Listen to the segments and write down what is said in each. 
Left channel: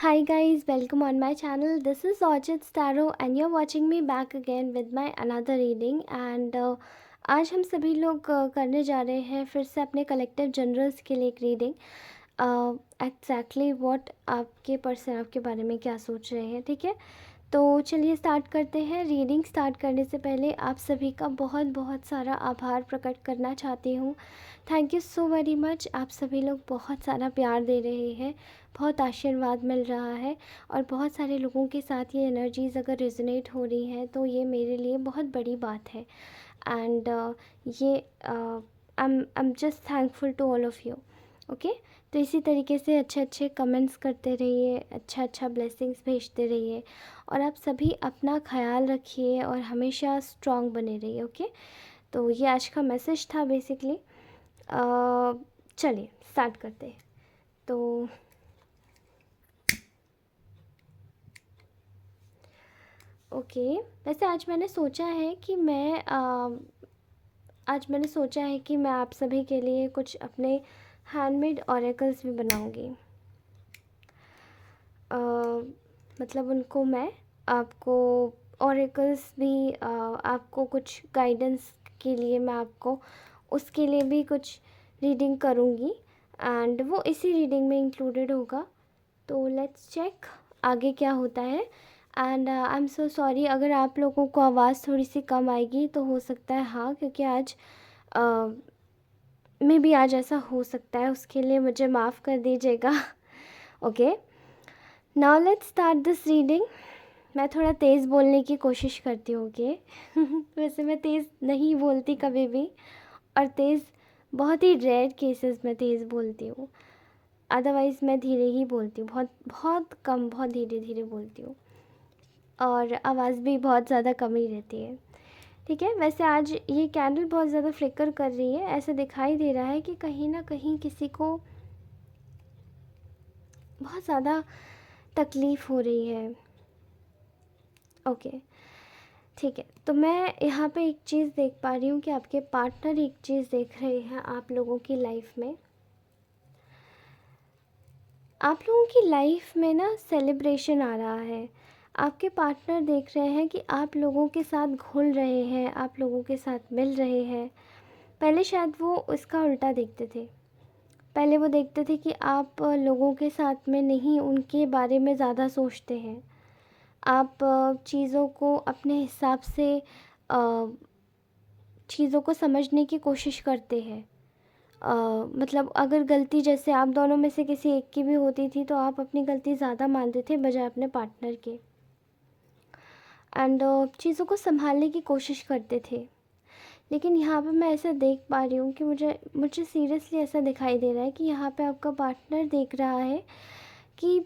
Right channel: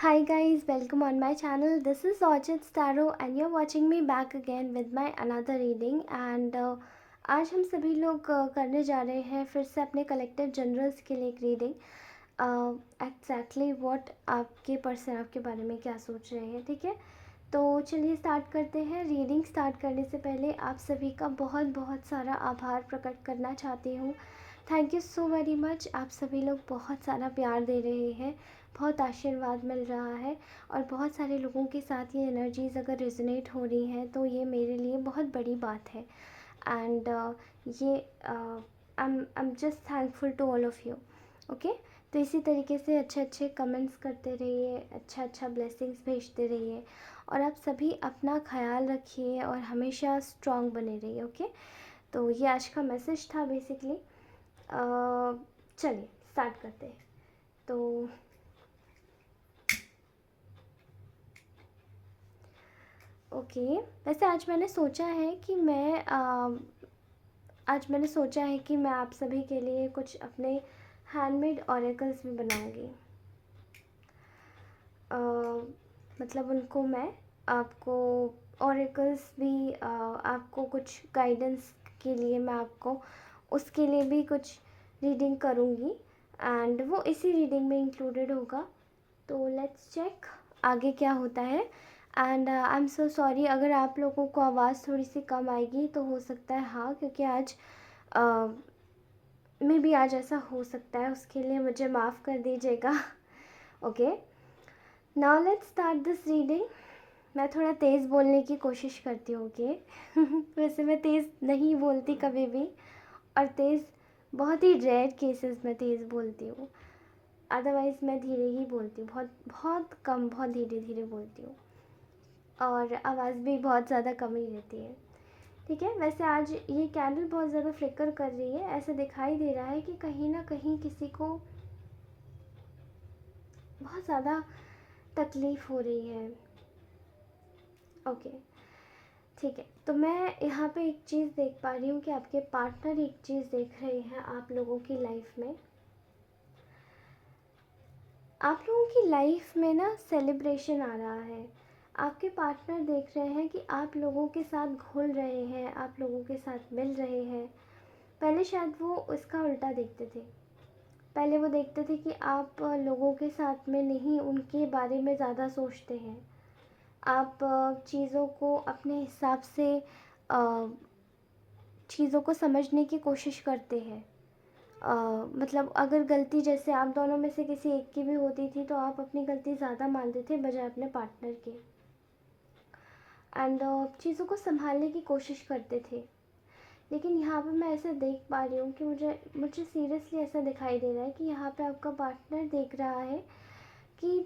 Hi guys, welcome on my channel. This is Orchid Starro and you're watching me back again with my another reading and आज हम सभी लोग करने जा रहे हैं फिर से अपने कलेक्टिव जनरल्स के लिए एक रीडिंग। एग्जैक्टली व्हाट आपके पर्सन आपके बारे में क्या सोच रहे हैं, ठीक है। तो चलिए स्टार्ट करते हैं। रीडिंग स्टार्ट करने से पहले आप सभी का बहुत बहुत सारा आभार प्रकट करना चाहती हूँ। Thank you so very much. आप सभी लोग बहुत सारा प्यार दे रहे हैं, बहुत आशीर्वाद मिल रहा है और बहुत सारे लोगों के साथ ये एनर्जीज़ अगर रिजोनेट हो रही हैं तो ये मेरे लिए बहुत बड़ी बात है। एंड ये I am just thankful to all of you. Okay, तो इसी तरीके से अच्छे अच्छे कमेंट्स करते रहिए, अच्छा अच्छा ब्लेसिंग्स भेजते रहिए और आप सभी अपना ख्याल रखिए और हमेशा स्ट्रॉन्ग बने रहिए। ओके, तो ये आज का मैसेज था बेसिकली। चलिए स्टार्ट करते हैं। तो ओके, वैसे आज मैंने सोचा है कि मैं आप सभी के लिए कुछ अपने हैंडमेड ऑरेकल्स भी बनाऊंगी। मतलब उनको मैं आपको ऑरेकल्स भी आपको कुछ गाइडेंस के लिए मैं आपको उसके लिए भी कुछ रीडिंग करूँगी एंड वो इसी रीडिंग में इंक्लूडेड होगा। तो लेट्स चेक आगे क्या होता है। And I am so sorry अगर आप लोगों को आवाज़ थोड़ी सी कम आएगी, तो हो सकता है हाँ, क्योंकि आज मे बी आज ऐसा हो सकता है, उसके लिए मुझे माफ़ कर दीजिएगा। Okay, now let's start this reading. मैं थोड़ा तेज़ बोलने की कोशिश करती हूँ। ओके वैसे मैं तेज़ नहीं बोलती कभी भी, और तेज़ बहुत ही रेयर केसेस में तेज़ बोलती हूँ, अदरवाइज़ मैं धीरे ही बोलती हूँ, बहुत बहुत कम, बहुत धीरे धीरे बोलती हूँ और आवाज़ भी बहुत ज़्यादा कम ही रहती है। ठीक है, वैसे आज ये कैंडल बहुत ज़्यादा फ्लिकर कर रही है, ऐसे दिखाई दे रहा है कि कहीं ना कहीं किसी को बहुत ज़्यादा तकलीफ़ हो रही है। ओके, ठीक है, तो मैं यहाँ पे एक चीज़ देख पा रही हूँ कि आपके पार्टनर एक चीज़ देख रहे हैं आप लोगों की लाइफ में। आप लोगों की लाइफ में ना सेलिब्रेशन आ रहा है। आपके पार्टनर देख रहे हैं कि आप लोगों के साथ घुल रहे हैं, आप लोगों के साथ मिल रहे हैं। पहले शायद वो उसका उल्टा देखते थे। पहले वो देखते थे कि आप लोगों के साथ में नहीं, उनके बारे में ज़्यादा सोचते हैं। आप चीज़ों को अपने हिसाब से चीज़ों को समझने की कोशिश करते हैं। मतलब अगर गलती जैसे आप दोनों में से किसी एक की भी होती थी तो आप अपनी गलती ज़्यादा मानते थे बजाय अपने पार्टनर के। एंड चीज़ों को संभालने की कोशिश करते थे। लेकिन यहाँ पे मैं ऐसा देख पा रही हूँ कि मुझे मुझे सीरियसली ऐसा दिखाई दे रहा है कि यहाँ पे आपका पार्टनर देख रहा है कि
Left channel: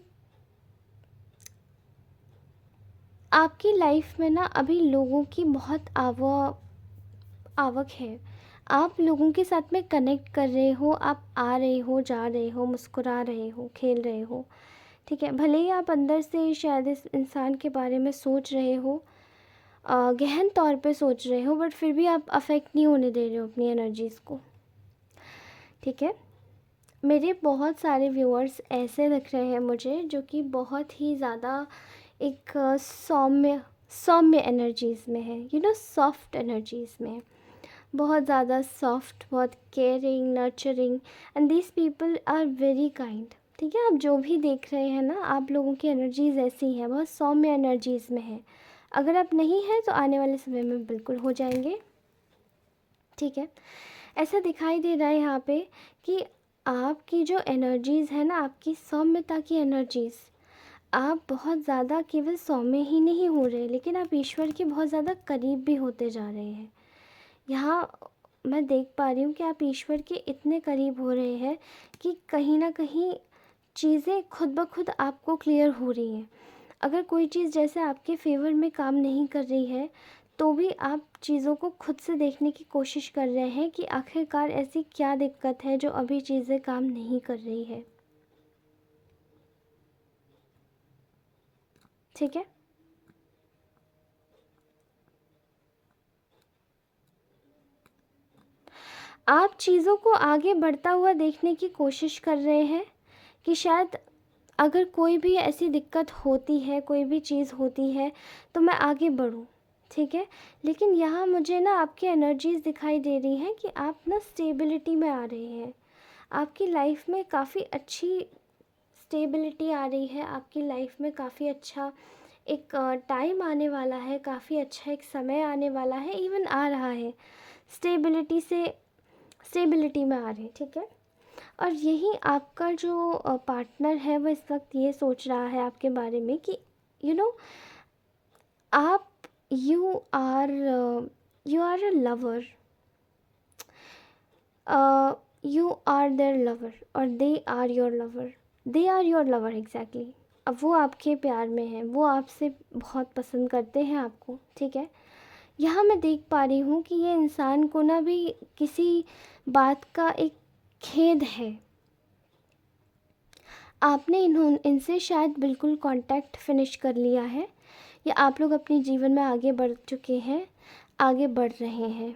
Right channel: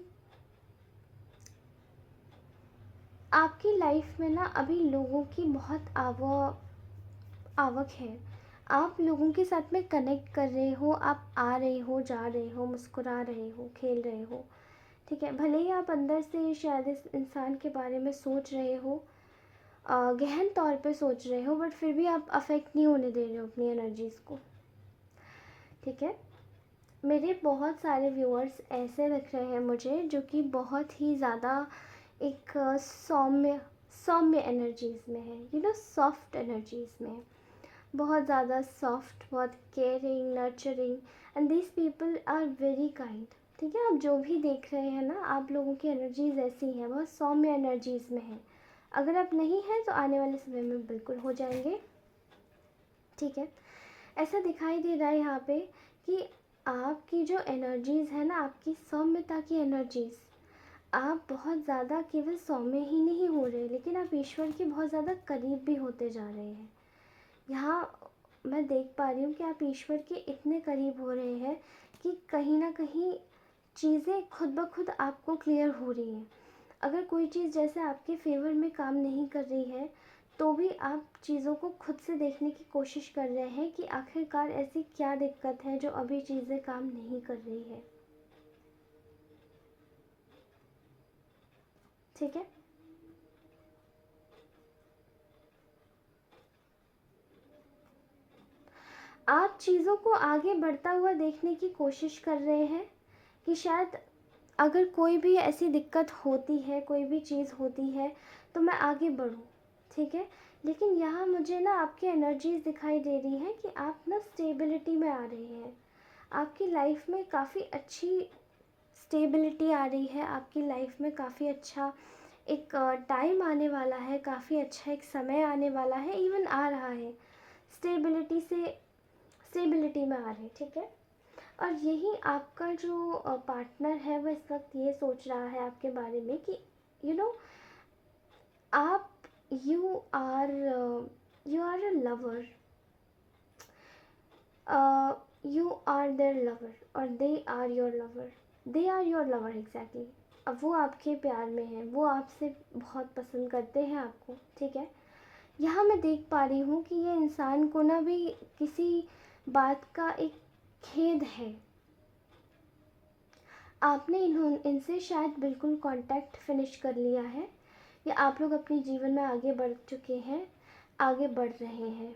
आपकी लाइफ में ना अभी लोगों की बहुत आवक है। आप लोगों के साथ में कनेक्ट कर रहे हो, आप आ रहे हो, जा रहे हो, मुस्कुरा रहे हो, खेल रहे हो। ठीक है, भले ही आप अंदर से शायद इस इंसान के बारे में सोच रहे हो, गहन तौर पे सोच रहे हो, बट फिर भी आप अफेक्ट नहीं होने दे रहे हो अपनी एनर्जीज़ को। ठीक है, मेरे बहुत सारे व्यूअर्स ऐसे दिख रहे हैं मुझे जो कि बहुत ही ज़्यादा एक सौम्य सौम्य एनर्जीज़ में है, यू नो, सॉफ्ट एनर्जीज़ में है। बहुत ज़्यादा सॉफ्ट, बहुत caring, nurturing, and these people are very kind. ठीक है, आप जो भी देख रहे हैं ना, आप लोगों की एनर्जीज़ ऐसी हैं, बहुत सौम्य एनर्जीज़ में है। अगर आप नहीं हैं तो आने वाले समय में बिल्कुल हो जाएंगे। ठीक है, ऐसा दिखाई दे रहा है यहाँ पे कि आपकी जो एनर्जीज़ है ना, आपकी सौम्यता की एनर्जीज़, आप बहुत ज़्यादा केवल सौम्य ही नहीं हो रहे, लेकिन आप ईश्वर के बहुत ज़्यादा करीब भी होते जा रहे हैं। यहाँ मैं देख पा रही हूँ कि आप ईश्वर के इतने करीब हो रहे हैं कि कहीं ना कहीं चीज़ें खुद ब खुद आपको क्लियर हो रही हैं। अगर कोई चीज़ जैसे आपके फेवर में काम नहीं कर रही है, तो भी आप चीज़ों को खुद से देखने की कोशिश कर रहे हैं कि आखिरकार ऐसी क्या दिक्कत है जो अभी चीज़ें काम नहीं कर रही है। ठीक है, आप चीज़ों को आगे बढ़ता हुआ देखने की कोशिश कर रहे हैं कि शायद अगर कोई भी ऐसी दिक्कत होती है, कोई भी चीज़ होती है, तो मैं आगे बढ़ूँ, ठीक है। लेकिन यहाँ मुझे ना आपकी एनर्जीज़ दिखाई दे रही हैं कि आप ना स्टेबिलिटी में आ रहे हैं। आपकी लाइफ में काफ़ी अच्छी स्टेबिलिटी आ रही है, आपकी लाइफ में काफ़ी अच्छा एक टाइम आने वाला है, काफ़ी अच्छा एक समय आने वाला है, इवन आ रहा है। स्टेबिलिटी से स्टेबिलिटी में आ रहे हैं, ठीक है। और यही आपका जो पार्टनर है वो इस वक्त ये सोच रहा है आपके बारे में कि यू you नो know, आप you are a lover, you are their lover और they are your lover, they are your lover exactly. अब वो आपके प्यार में है, वो आपसे बहुत पसंद करते हैं आपको, ठीक है। यहाँ मैं देख पा रही हूँ कि ये इंसान को ना भी किसी बात का एक खेद है। आपने इनसे शायद बिल्कुल कांटेक्ट फिनिश कर लिया है, या आप लोग अपने जीवन में आगे बढ़ चुके हैं, आगे बढ़ रहे हैं,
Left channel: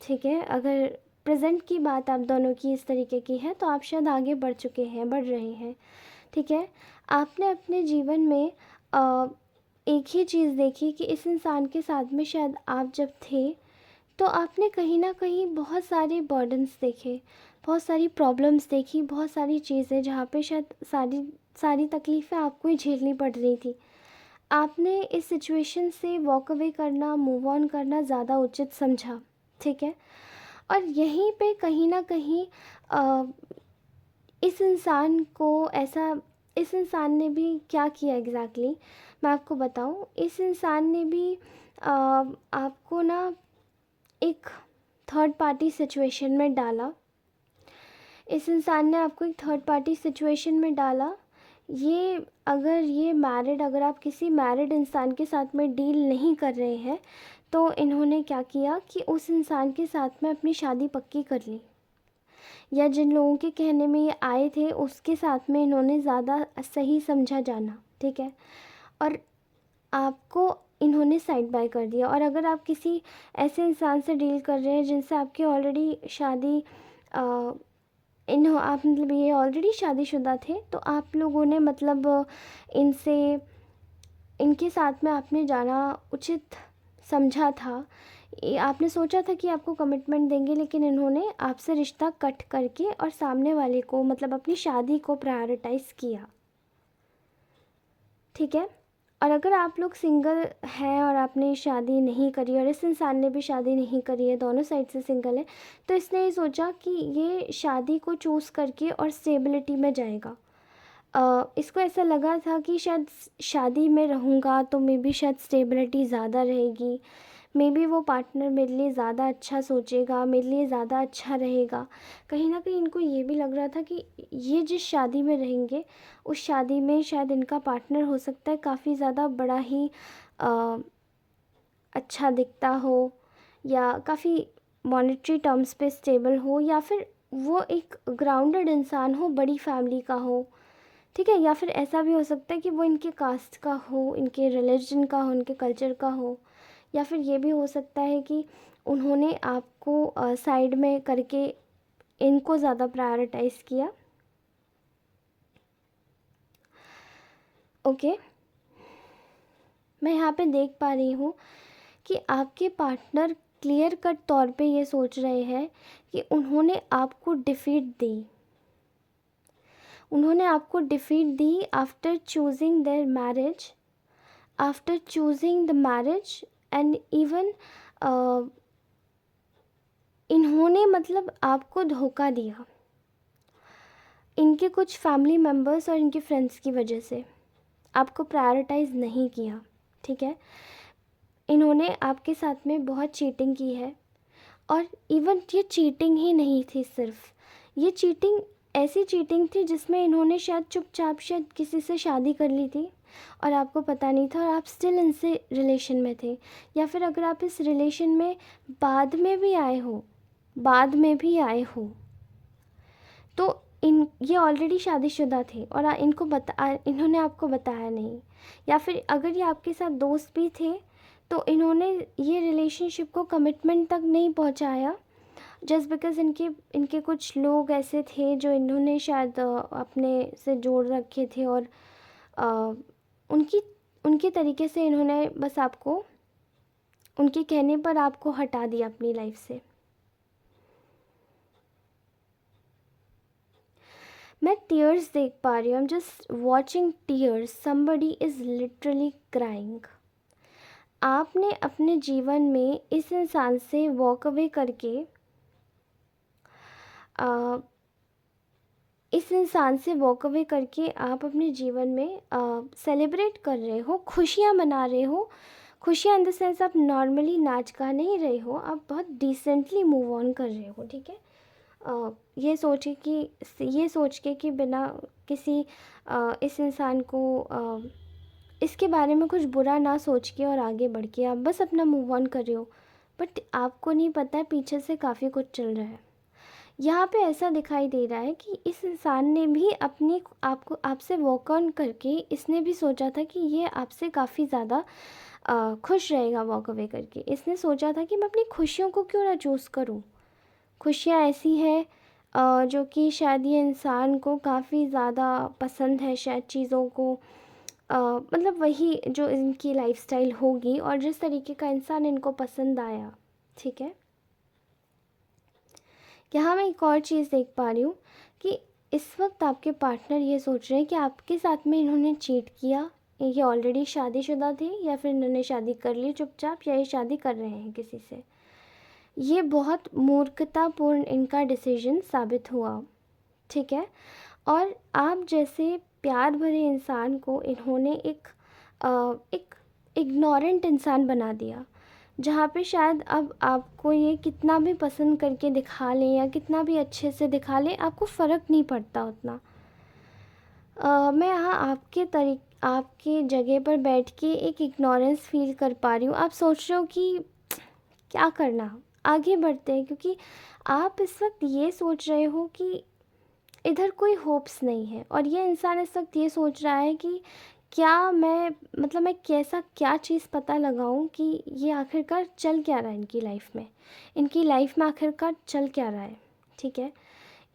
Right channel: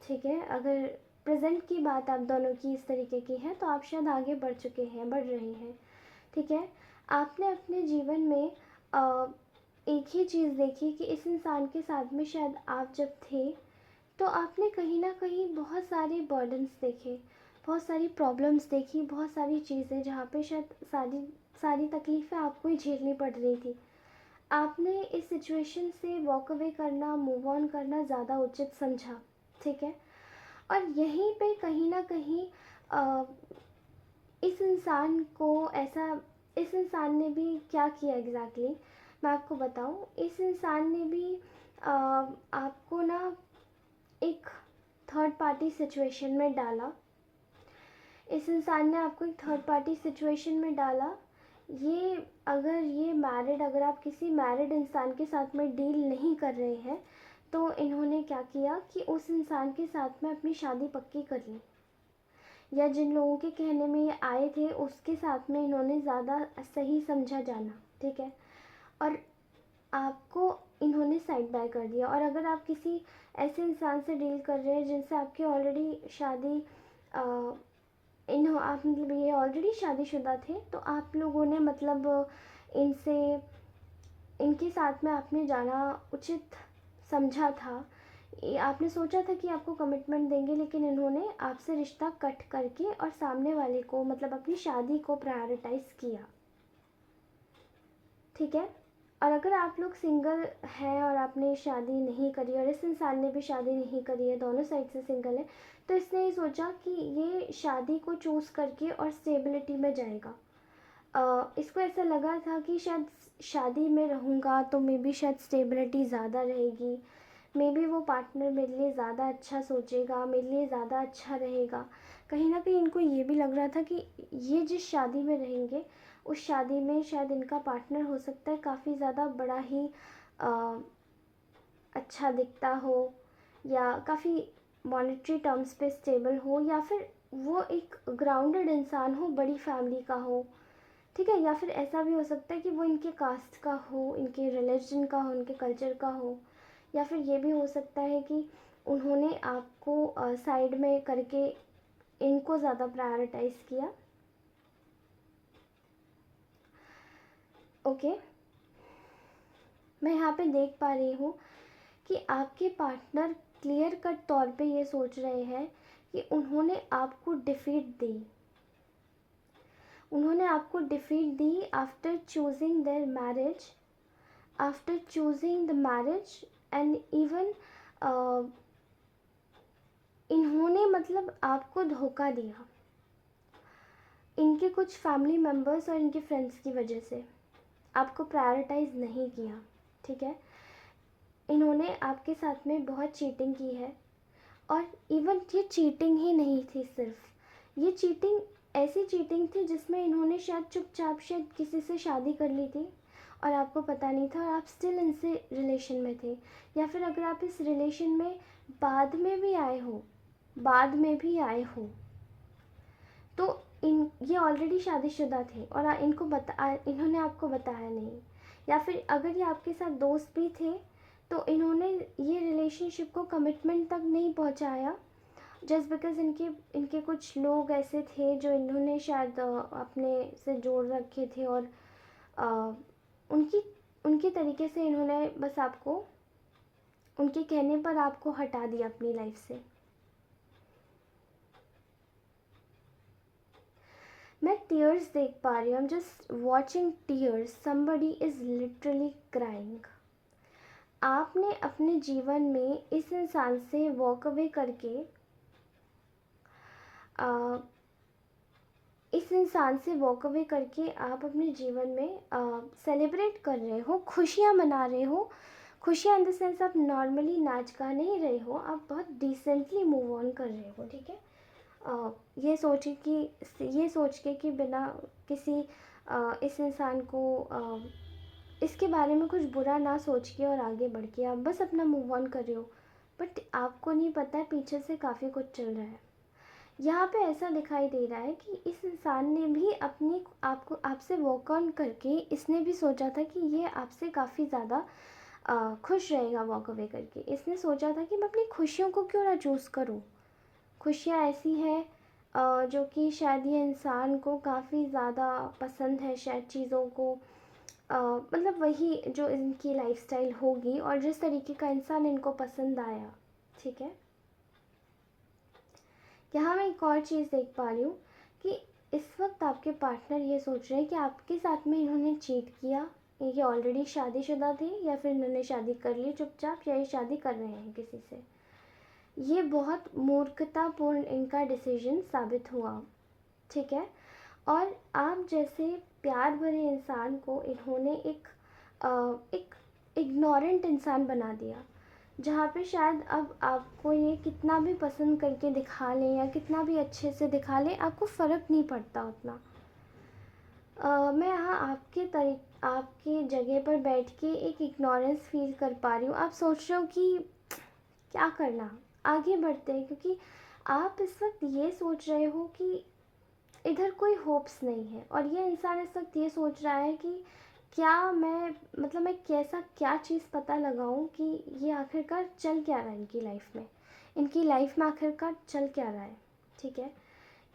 ठीक है। अगर प्रेजेंट की बात आप दोनों की इस तरीके की है तो आप शायद आगे बढ़ चुके हैं, बढ़ रहे हैं, ठीक है। आपने अपने जीवन में एक ही चीज़ देखी कि इस इंसान के साथ में शायद आप जब थे तो आपने कहीं ना कहीं बहुत सारे बर्डन्स देखे, बहुत सारी प्रॉब्लम्स देखी, बहुत सारी चीज़ें जहाँ पे शायद सारी सारी तकलीफ़ें आपको ही झेलनी पड़ रही थी। आपने इस सिचुएशन से वॉक अवे करना, मूव ऑन करना ज़्यादा उचित समझा, ठीक है। और यहीं पे कहीं ना कहीं अ, इस इंसान को ऐसा इस इंसान ने भी क्या किया एग्जैक्टली मैं आपको बताऊं। इस इंसान ने भी आपको ना एक थर्ड पार्टी सिचुएशन में डाला। इस इंसान ने आपको एक थर्ड पार्टी सिचुएशन में डाला। ये अगर आप किसी मैरिड इंसान के साथ में डील नहीं कर रहे हैं तो इन्होंने क्या किया कि उस इंसान के साथ में अपनी शादी पक्की कर ली, या जिन लोगों के कहने में ये आए थे उसके साथ में इन्होंने ज़्यादा सही समझा जाना, ठीक है। और आपको इन्होंने साइड बाय कर दिया। और अगर आप किसी ऐसे इंसान से डील कर रहे हैं जिनसे आपकी ऑलरेडी शादी आप मतलब ये ऑलरेडी शादीशुदा थे, तो आप लोगों ने मतलब इनसे इनके साथ में आपने जाना उचित समझा था। आपने सोचा था कि आपको कमिटमेंट देंगे, लेकिन इन्होंने आपसे रिश्ता कट करके और सामने वाले को मतलब अपनी शादी को प्रायोरिटाइज़ किया, ठीक है। और अगर आप लोग सिंगल हैं और आपने शादी नहीं करी और इस इंसान ने भी शादी नहीं करी है, दोनों साइड से सिंगल है, तो इसने ये सोचा कि ये शादी को चूज़ करके और स्टेबिलिटी में जाएगा। इसको ऐसा लगा था कि शायद शादी में रहूँगा तो मे बी शायद स्टेबिलिटी ज़्यादा रहेगी, मे बी वो पार्टनर मेरे लिए ज़्यादा अच्छा सोचेगा, मेरे लिए ज़्यादा अच्छा रहेगा। कहीं ना कहीं इनको ये भी लग रहा था कि ये जिस शादी में रहेंगे उस शादी में शायद इनका पार्टनर हो सकता है काफ़ी ज़्यादा बड़ा ही अ, अच्छा दिखता हो, या काफ़ी मॉनेटरी टर्म्स पे स्टेबल हो, या फिर वो एक ग्राउंडेड इंसान हो, बड़ी फैमिली का हो, ठीक है। या फिर ऐसा भी हो सकता है कि वो इनके कास्ट का हो, इनके रिलीजन का हो, इनके कल्चर का हो। या फिर ये भी हो सकता है कि उन्होंने आपको साइड में करके इनको ज़्यादा प्रायोरिटाइज़ किया, ओके। मैं यहाँ पे देख पा रही हूँ कि आपके पार्टनर क्लियर कट तौर पे ये सोच रहे हैं कि उन्होंने आपको defeat the after choosing there marriage, after choosing the marriage. And even इन्होंने मतलब आपको धोखा दिया, इनके कुछ फैमिली मेम्बर्स और इनके फ्रेंड्स की वजह से आपको प्रायोरिटाइज़ नहीं किया, ठीक है। इन्होंने आपके साथ में बहुत चीटिंग की है। और इवन ये चीटिंग ही नहीं थी, सिर्फ ये चीटिंग ऐसी चीटिंग थी जिसमें इन्होंने शायद चुपचाप शायद किसी से शादी कर ली थी और आपको पता नहीं था, और आप स्टिल इनसे रिलेशन में थे। या फिर अगर आप इस रिलेशन में बाद में भी आए हो तो ये ऑलरेडी शादीशुदा थे और इन्होंने आपको बताया नहीं। या फिर अगर ये आपके साथ दोस्त भी थे तो इन्होंने ये रिलेशनशिप को कमिटमेंट तक नहीं पहुंचाया, जस्ट बिकॉज़ इनके इनके कुछ लोग ऐसे थे जो इन्होंने शायद अपने से जोड़ रखे थे, और अ, उनकी उनके तरीके से इन्होंने बस आपको, उनके कहने पर आपको हटा दिया अपनी लाइफ से। मैं टीयर्स देख पा रही हूँ, आई am just watching tears, somebody is literally crying. आपने अपने जीवन में इस इंसान से वॉक अवे करके इस इंसान से वॉक अवे करके आप अपने जीवन में सेलिब्रेट कर रहे हो, खुशियाँ मना रहे हो। खुशियाँ इन द सेंस, आप नॉर्मली नाच गा नहीं रहे हो, आप बहुत डिसेंटली मूव ऑन कर रहे हो, ठीक है। ये सोच के कि बिना किसी इस इंसान को इसके बारे में कुछ बुरा ना सोच के और आगे बढ़ के आप बस अपना मूव ऑन कर रहे हो, बट आपको नहीं पता है पीछे से काफ़ी कुछ चल रहा है। यहाँ पे ऐसा दिखाई दे रहा है कि इस इंसान ने भी अपनी आपको आपसे वॉक ऑन करके इसने भी सोचा था कि ये आपसे काफ़ी ज़्यादा खुश रहेगा वॉक अवे करके। इसने सोचा था कि मैं अपनी खुशियों को क्यों ना चूज़ करूँ। खुशियाँ ऐसी हैं जो कि शायद ये इंसान को काफ़ी ज़्यादा पसंद है, शायद चीज़ों को मतलब वही जो इनकी लाइफस्टाइल होगी और जिस तरीके का इंसान इनको पसंद आया, ठीक है। यहाँ मैं एक और चीज़ देख पा रही हूँ कि इस वक्त आपके पार्टनर ये सोच रहे हैं कि आपके साथ में इन्होंने चीट किया, ये ऑलरेडी शादीशुदा थे या फिर इन्होंने शादी कर ली चुपचाप, या ये शादी कर रहे हैं किसी से। ये बहुत मूर्खतापूर्ण इनका डिसीजन साबित हुआ, ठीक है। और आप जैसे प्यार भरे इंसान को इन्होंने एक इग्नोरेंट इंसान बना दिया, जहाँ पे शायद अब आपको ये कितना भी पसंद करके दिखा लें या कितना भी अच्छे से दिखा लें, आपको फ़र्क नहीं पड़ता उतना। मैं यहाँ आपके जगह पर बैठ के एक इग्नोरेंस फील कर पा रही हूँ। आप सोच रहे हो कि क्या करना, आगे बढ़ते हैं, क्योंकि आप इस वक्त ये सोच रहे हो कि इधर कोई होप्स नहीं है, और ये इंसान इस वक्त ये सोच रहा है कि क्या मैं, मतलब मैं कैसा क्या चीज़ पता लगाऊं कि ये आखिरकार चल क्या रहा है इनकी लाइफ में, इनकी लाइफ में आखिरकार चल क्या रहा है, ठीक है।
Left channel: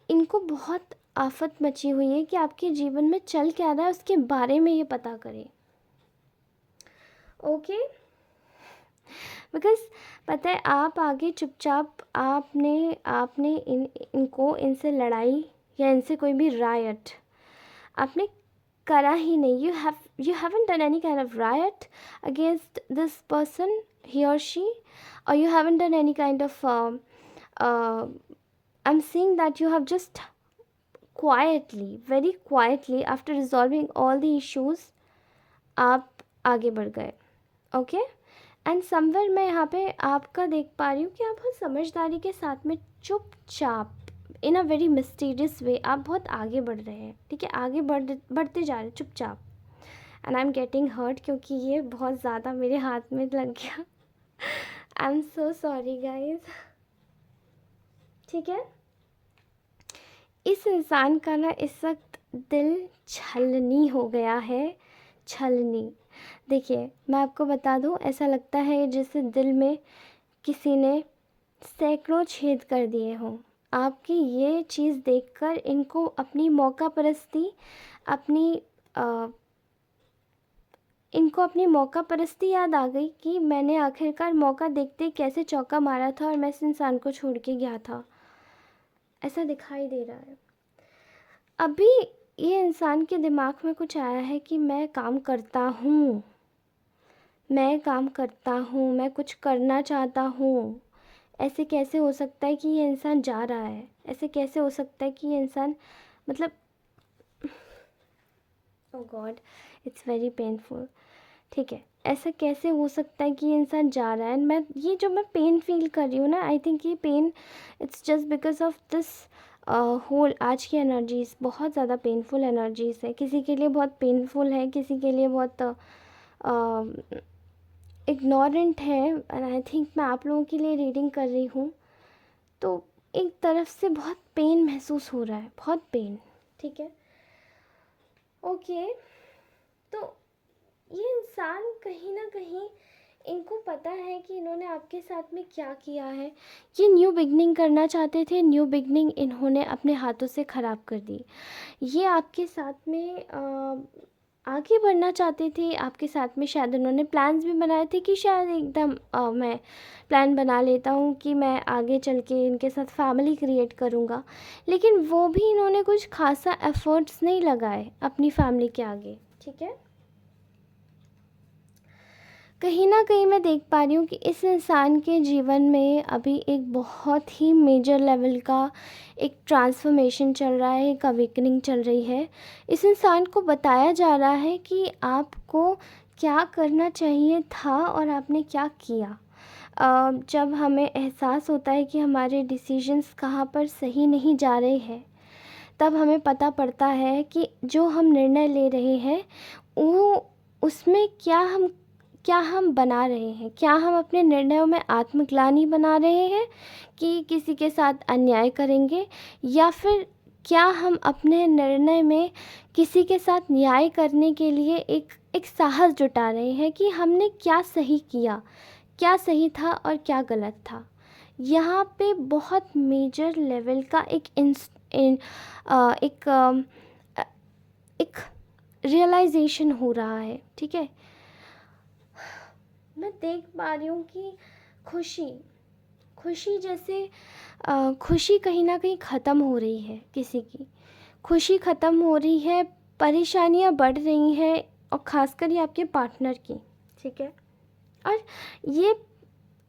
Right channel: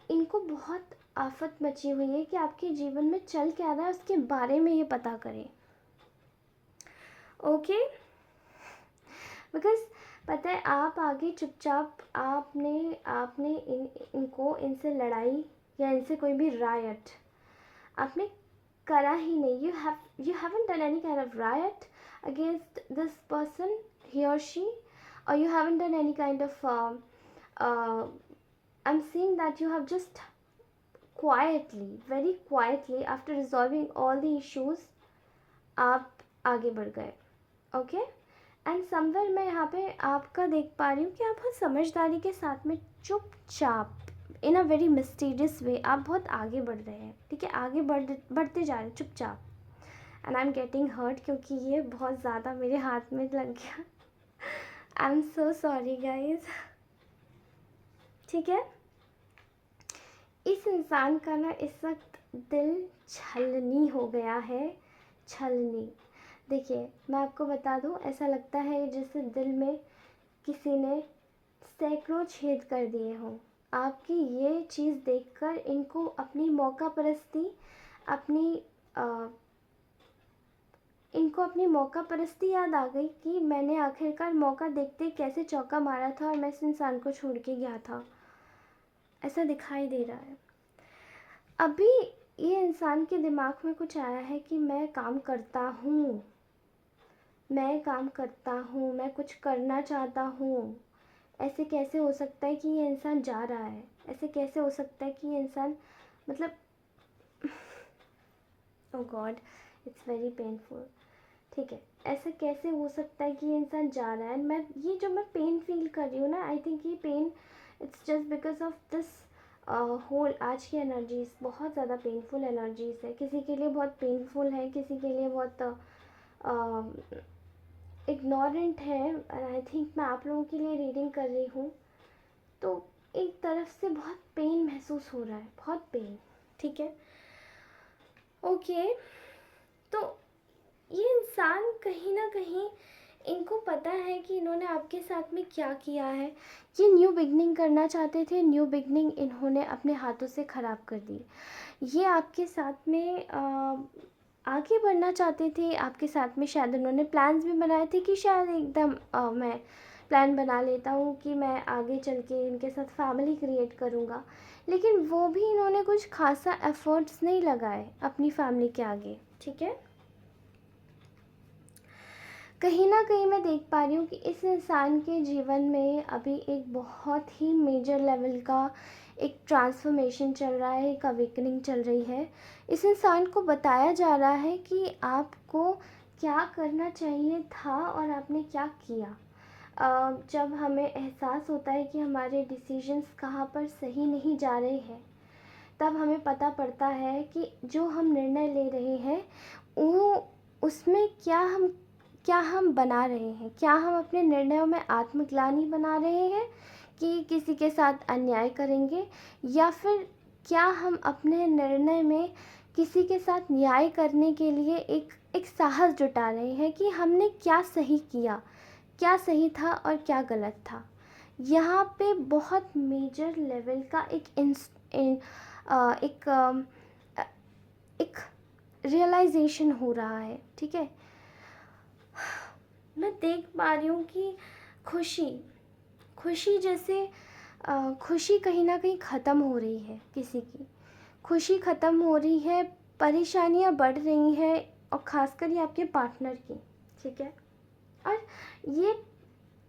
इनको बहुत आफत मची हुई है कि आपके जीवन में चल क्या रहा है उसके बारे में ये पता करें, ओके। बिकॉज़ पता है आप आगे चुपचाप आपने आपने इनको इनसे लड़ाई या इनसे कोई भी रायट आपने करा ही नहीं। You haven't done any kind of right against this person, he और she, or you haven't done any kind of I'm saying that you have just quietly, very quietly, after resolving all the issues, आप आगे बढ़ गए, okay. And somewhere मैं यहाँ पे आपका देख पा रही हूँ कि आप बहुत समझदारी के साथ में चुपचाप इन अ वेरी मिस्टीरियस वे आप बहुत आगे बढ़ रहे हैं, ठीक है। आगे बढ़ते जा रहे हैं चुपचाप, and I am getting hurt क्योंकि ये बहुत ज़्यादा मेरे हाथ में लग गया। I am so sorry guys, ठीक है। इस इंसान का ना इस वक्त दिल छलनी हो गया है, छलनी। देखिए मैं आपको बता दूं, ऐसा लगता है जैसे दिल में किसी ने सैकड़ों छेद कर दिए हों। आपकी ये चीज़ देखकर इनको अपनी मौका परस्ती अपनी इनको अपनी मौका परस्ती याद आ गई कि मैंने आखिरकार मौका देखते कैसे चौका मारा था और मैं इस इंसान को छोड़ के गया था, ऐसा दिखाई दे रहा है। अभी ये इंसान के दिमाग में कुछ आया है कि मैं काम करता हूँ, मैं काम करता हूँ, मैं कुछ करना चाहता हूँ। ऐसे कैसे हो सकता है कि ये इंसान जा रहा है, ऐसे कैसे हो सकता है कि ये इंसान, मतलब ओ गॉड, इट्स वेरी पेनफुल, ठीक है। ऐसा कैसे हो सकता है कि ये इंसान जा रहा है। मैं पेन फील कर रही हूँ ना, आई थिंक ये pain it's just because of this whole आज की एनर्जीज़ बहुत ज़्यादा पेनफुल एनर्जीज़ है। किसी के लिए बहुत पेनफुल है, किसी के लिए बहुत इग्नोरेंट है, एंड आई थिंक मैं आप लोगों के लिए रीडिंग कर रही हूँ तो एक तरफ से बहुत पेन महसूस हो रहा है, बहुत पेन, ठीक है, ओके। तो ये इंसान कहीं ना कहीं इनको पता है कि इन्होंने आपके साथ में क्या किया है। ये न्यू बिगनिंग करना चाहते थे, न्यू बिगनिंग इन्होंने अपने हाथों से ख़राब कर दी। ये आपके साथ में आगे बढ़ना चाहते थे, आपके साथ में शायद उन्होंने प्लान्स भी बनाए थे कि शायद एकदम मैं प्लान बना लेता हूँ कि मैं आगे चल के इनके साथ फैमिली क्रिएट करूँगा। लेकिन वो भी इन्होंने कुछ खासा एफ़र्ट्स नहीं लगाए अपनी फैमिली के आगे, ठीक है। कहीं न कहीं मैं देख पा रही हूँ कि इस इंसान के जीवन में अभी एक बहुत ही मेजर लेवल का एक ट्रांसफ़ॉर्मेशन चल रहा है, एक अवेकनिंग चल रही है। इस इंसान को बताया जा रहा है कि आपको क्या करना चाहिए था और आपने क्या किया। जब हमें एहसास होता है कि हमारे डिसीजंस कहाँ पर सही नहीं जा रहे हैं, तब हमें पता पड़ता है कि जो हम निर्णय ले रहे हैं, वो उसमें क्या हम बना रहे हैं। क्या हम अपने निर्णयों में आत्मग्लानि बना रहे हैं कि किसी के साथ अन्याय करेंगे, या फिर क्या हम अपने निर्णय में किसी के साथ न्याय करने के लिए एक एक साहस जुटा रहे हैं कि हमने क्या सही किया, क्या सही था और क्या गलत था। यहाँ पे बहुत मेजर लेवल का एक एक रियलाइजेशन हो रहा है, ठीक है। मैं देख पा रही हूँ कि खुशी खुशी जैसे खुशी कहीं ना कहीं ख़त्म हो रही है, किसी की खुशी ख़त्म हो रही है, परेशानियाँ बढ़ रही हैं, और ख़ासकर ये आपके पार्टनर की, ठीक है। और ये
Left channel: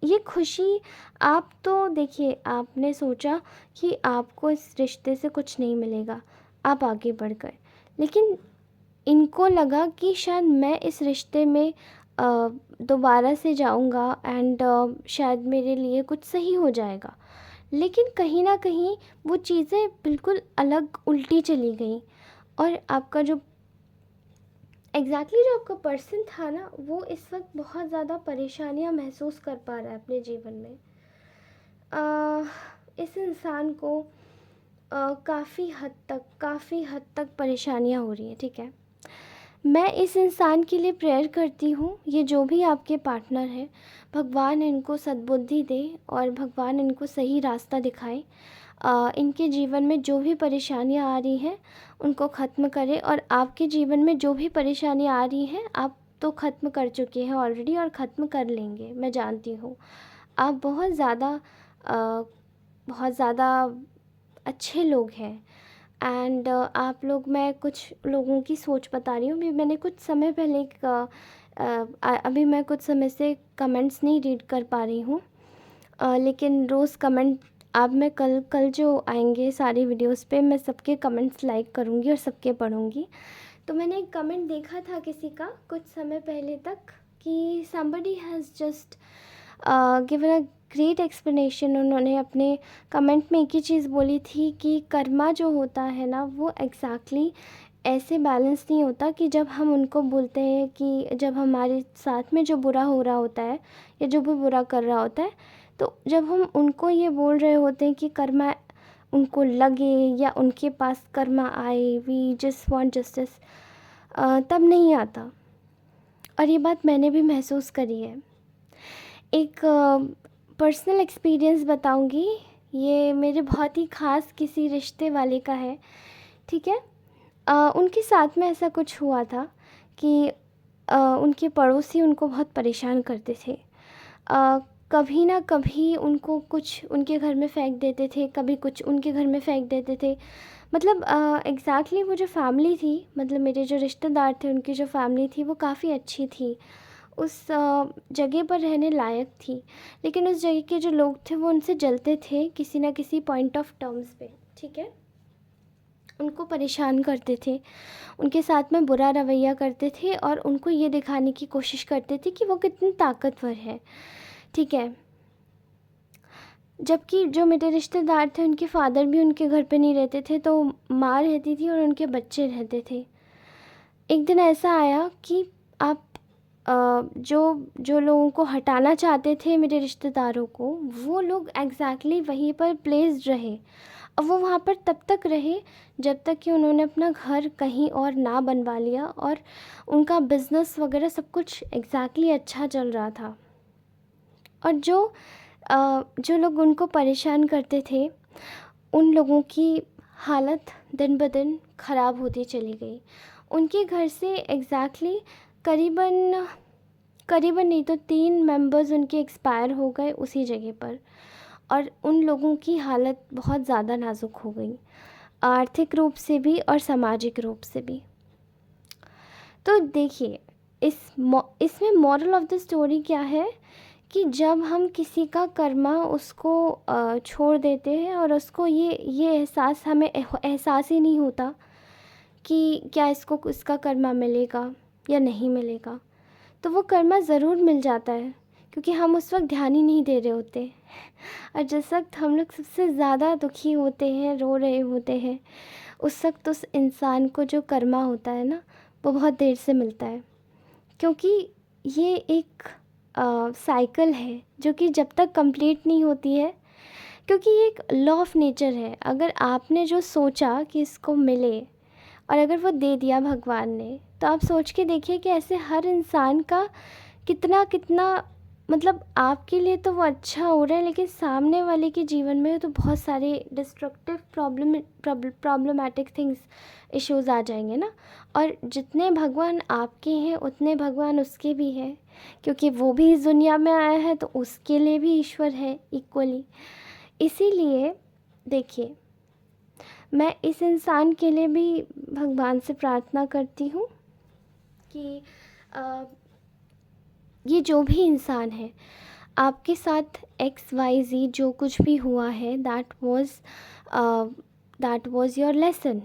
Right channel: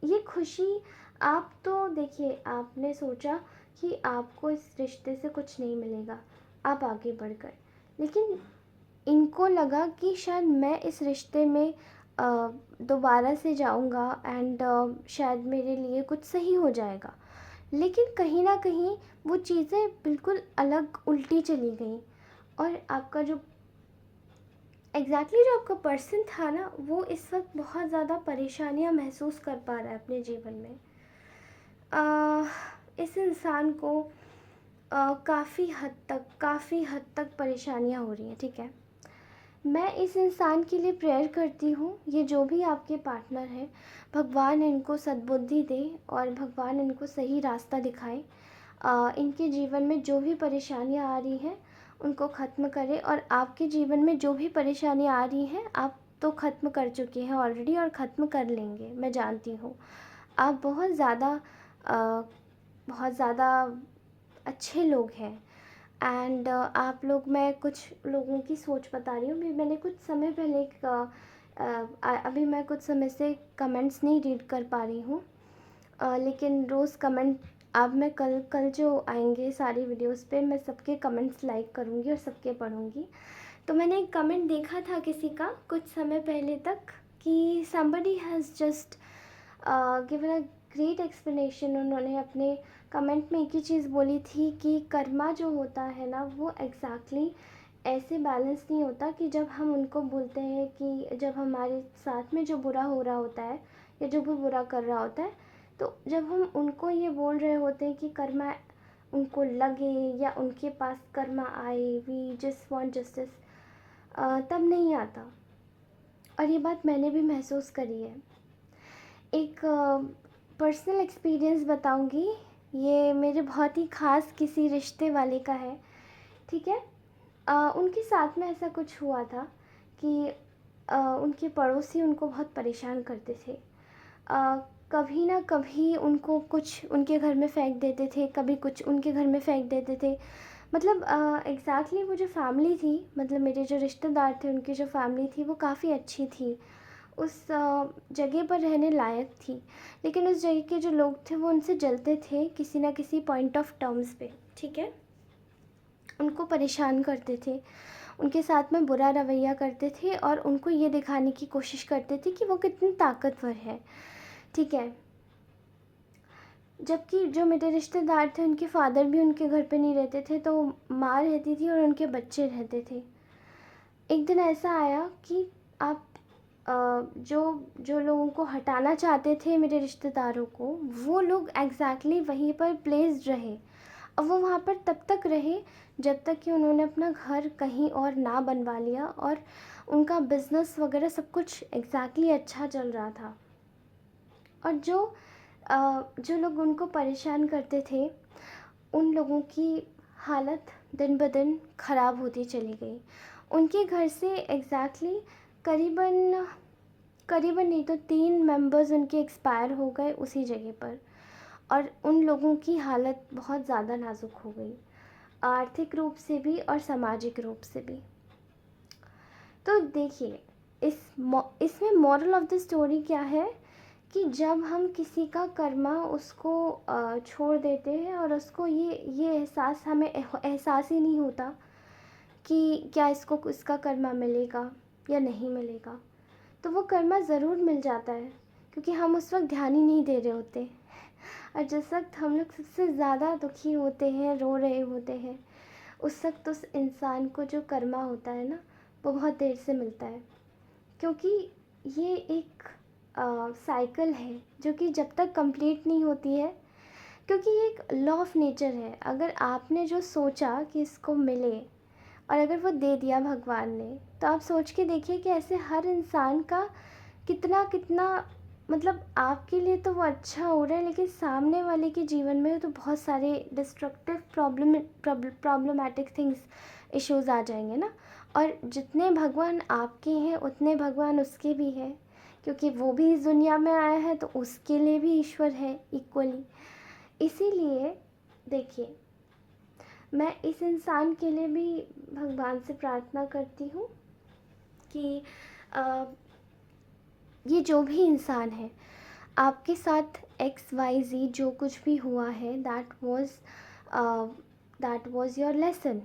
ये खुशी, आप तो देखिए, आपने सोचा कि आपको इस रिश्ते से कुछ नहीं मिलेगा, आप आगे बढ़ गए। लेकिन इनको लगा कि शायद मैं इस रिश्ते में दोबारा से जाऊंगा एंड शायद मेरे लिए कुछ सही हो जाएगा। लेकिन कहीं ना कहीं वो चीज़ें बिल्कुल अलग उल्टी चली गई, और आपका जो जो आपका पर्सन था ना, वो इस वक्त बहुत ज़्यादा परेशानियां महसूस कर पा रहा है अपने जीवन में। इस इंसान को काफ़ी हद तक परेशानियां हो रही हैं, ठीक है। मैं इस इंसान के लिए प्रेयर करती हूँ, ये जो भी आपके पार्टनर है, भगवान इनको सद्बुद्धि दे और भगवान इनको सही रास्ता दिखाए। इनके जीवन में जो भी परेशानियाँ आ रही हैं उनको ख़त्म करे, और आपके जीवन में जो भी परेशानियाँ आ रही हैं, आप तो ख़त्म कर चुके हैं ऑलरेडी और ख़त्म कर लेंगे, मैं जानती हूँ। आप बहुत ज़्यादा अच्छे लोग हैं। एंड आप लोग, मैं कुछ लोगों की सोच बता रही हूँ। अभी मैंने कुछ समय पहले अभी मैं कुछ समय से कमेंट्स नहीं रीड कर पा रही हूँ, लेकिन रोज़ कमेंट, अब मैं कल कल जो आएंगे सारी वीडियोस पे, मैं सबके कमेंट्स लाइक करूँगी और सबके पढ़ूँगी। तो मैंने एक कमेंट देखा था किसी का कुछ समय पहले तक, कि somebody has just given a great explanation. उन्होंने अपने कमेंट में एक ही चीज़ बोली थी कि कर्मा जो होता है ना, वो एग्जैक्टली ऐसे बैलेंस नहीं होता कि जब हम उनको बोलते हैं कि जब हमारे साथ में जो बुरा हो रहा होता है या जो भी बुरा कर रहा होता है, तो जब हम उनको ये बोल रहे होते हैं कि कर्मा उनको लगे या उनके पास कर्मा आए, वी जस्ट वांट जस्टिस, तब नहीं आता। और ये बात मैंने भी महसूस करी है। एक पर्सनल एक्सपीरियंस बताऊंगी, ये मेरे बहुत ही ख़ास किसी रिश्ते वाले का है, ठीक है। उनके साथ में ऐसा कुछ हुआ था कि उनके पड़ोसी उनको बहुत परेशान करते थे। कभी ना कभी उनको कुछ उनके घर में फेंक देते थे, कभी कुछ उनके घर में फेंक देते थे। मतलब एग्ज़ैक्टली वो जो फैमिली थी, मतलब मेरे जो रिश्तेदार थे, उनकी जो फैमिली थी वो काफ़ी अच्छी थी, उस जगह पर रहने लायक थी। लेकिन उस जगह के जो लोग थे वो उनसे जलते थे किसी ना किसी पॉइंट ऑफ टर्म्स पे, ठीक है। उनको परेशान करते थे, उनके साथ में बुरा रवैया करते थे, और उनको ये दिखाने की कोशिश करते थे कि वो कितनी ताकतवर है, ठीक है। जबकि जो मेरे रिश्तेदार थे, उनके फादर भी उनके घर पे नहीं रहते थे, तो माँ रहती थी और उनके बच्चे रहते थे। एक दिन ऐसा आया कि आप जो जो लोगों को हटाना चाहते थे मेरे रिश्तेदारों को, वो लोग एग्जैक्टली वहीं पर प्लेस्ड रहे। अब वो वहाँ पर तब तक रहे जब तक कि उन्होंने अपना घर कहीं और ना बनवा लिया, और उनका बिज़नेस वगैरह सब कुछ एग्जैक्टली अच्छा चल रहा था। और जो लोग उनको परेशान करते थे, उन लोगों की हालत दिन ब दिन ख़राब होती चली गई। उनके घर से एग्ज़ैक्टली करीबन करीबन नहीं तो 3 मेंबर्स उनके एक्सपायर हो गए उसी जगह पर, और उन लोगों की हालत बहुत ज़्यादा नाज़ुक हो गई, आर्थिक रूप से भी और सामाजिक रूप से भी। तो देखिए, इसमें मॉरल ऑफ़ द स्टोरी क्या है कि जब हम किसी का कर्मा उसको छोड़ देते हैं और उसको ये एहसास हमें एहसास ही नहीं होता कि क्या इसको इसका कर्मा मिलेगा या नहीं मिलेगा, तो वो कर्मा ज़रूर मिल जाता है, क्योंकि हम उस वक्त ध्यान ही नहीं दे रहे होते। और जिस वक्त हम लोग सबसे ज़्यादा दुखी होते हैं, रो रहे होते हैं, उस वक्त उस इंसान को जो कर्मा होता है ना, वो बहुत देर से मिलता है। क्योंकि ये एक साइकिल है जो कि जब तक कंप्लीट नहीं होती है, क्योंकि ये एक लॉ ऑफ नेचर है। अगर आपने जो सोचा कि इसको मिले और अगर वो दे दिया भगवान ने, तो आप सोच के देखिए कि ऐसे हर इंसान का कितना कितना, मतलब आपके लिए तो वो अच्छा हो रहा है, लेकिन सामने वाले के जीवन में तो बहुत सारे डिस्ट्रक्टिव प्रॉब्लमेटिक थिंग्स, इश्यूज़ आ जाएंगे ना। और जितने भगवान आपके हैं उतने भगवान उसके भी हैं, क्योंकि वो भी इस दुनिया में आया है, तो उसके लिए भी ईश्वर है इक्वली। इसीलिए देखिए, मैं इस इंसान के लिए भी भगवान से प्रार्थना करती हूँ कि ये जो भी इंसान है, आपके साथ XYZ जो कुछ भी हुआ है, दैट वाज योर लेसन।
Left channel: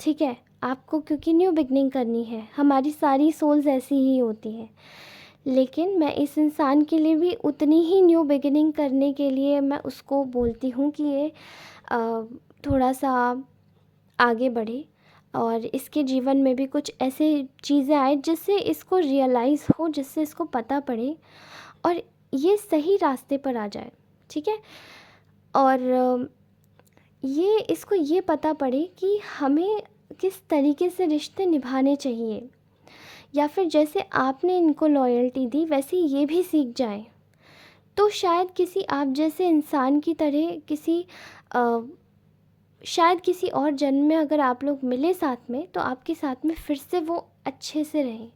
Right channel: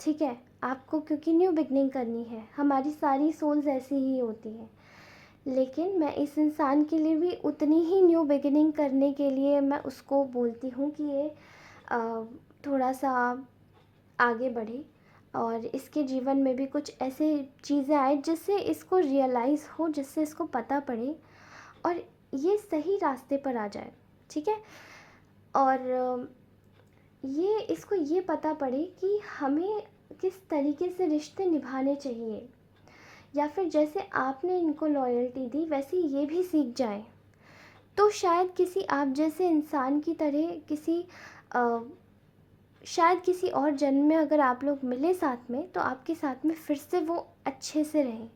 ठीक है, आपको क्योंकि न्यू बिगनिंग करनी है, हमारी सारी सोल्स ऐसी ही होती हैं, लेकिन मैं इस इंसान के लिए भी उतनी ही न्यू बिगिनिंग करने के लिए मैं उसको बोलती हूँ कि ये थोड़ा सा आगे बढ़े और इसके जीवन में भी कुछ ऐसे चीज़ें आए जिससे इसको रियलाइज़ हो, जिससे इसको पता पड़े और ये सही रास्ते पर आ जाए। ठीक है, और ये इसको ये पता पड़े कि हमें किस तरीके से रिश्ते निभाने चाहिए, या फिर जैसे आपने इनको लॉयल्टी दी वैसे ये भी सीख जाएं। तो शायद किसी आप जैसे इंसान की तरह शायद किसी और जन्म में अगर आप लोग मिले साथ में, तो आपके साथ में फिर से वो अच्छे से रहें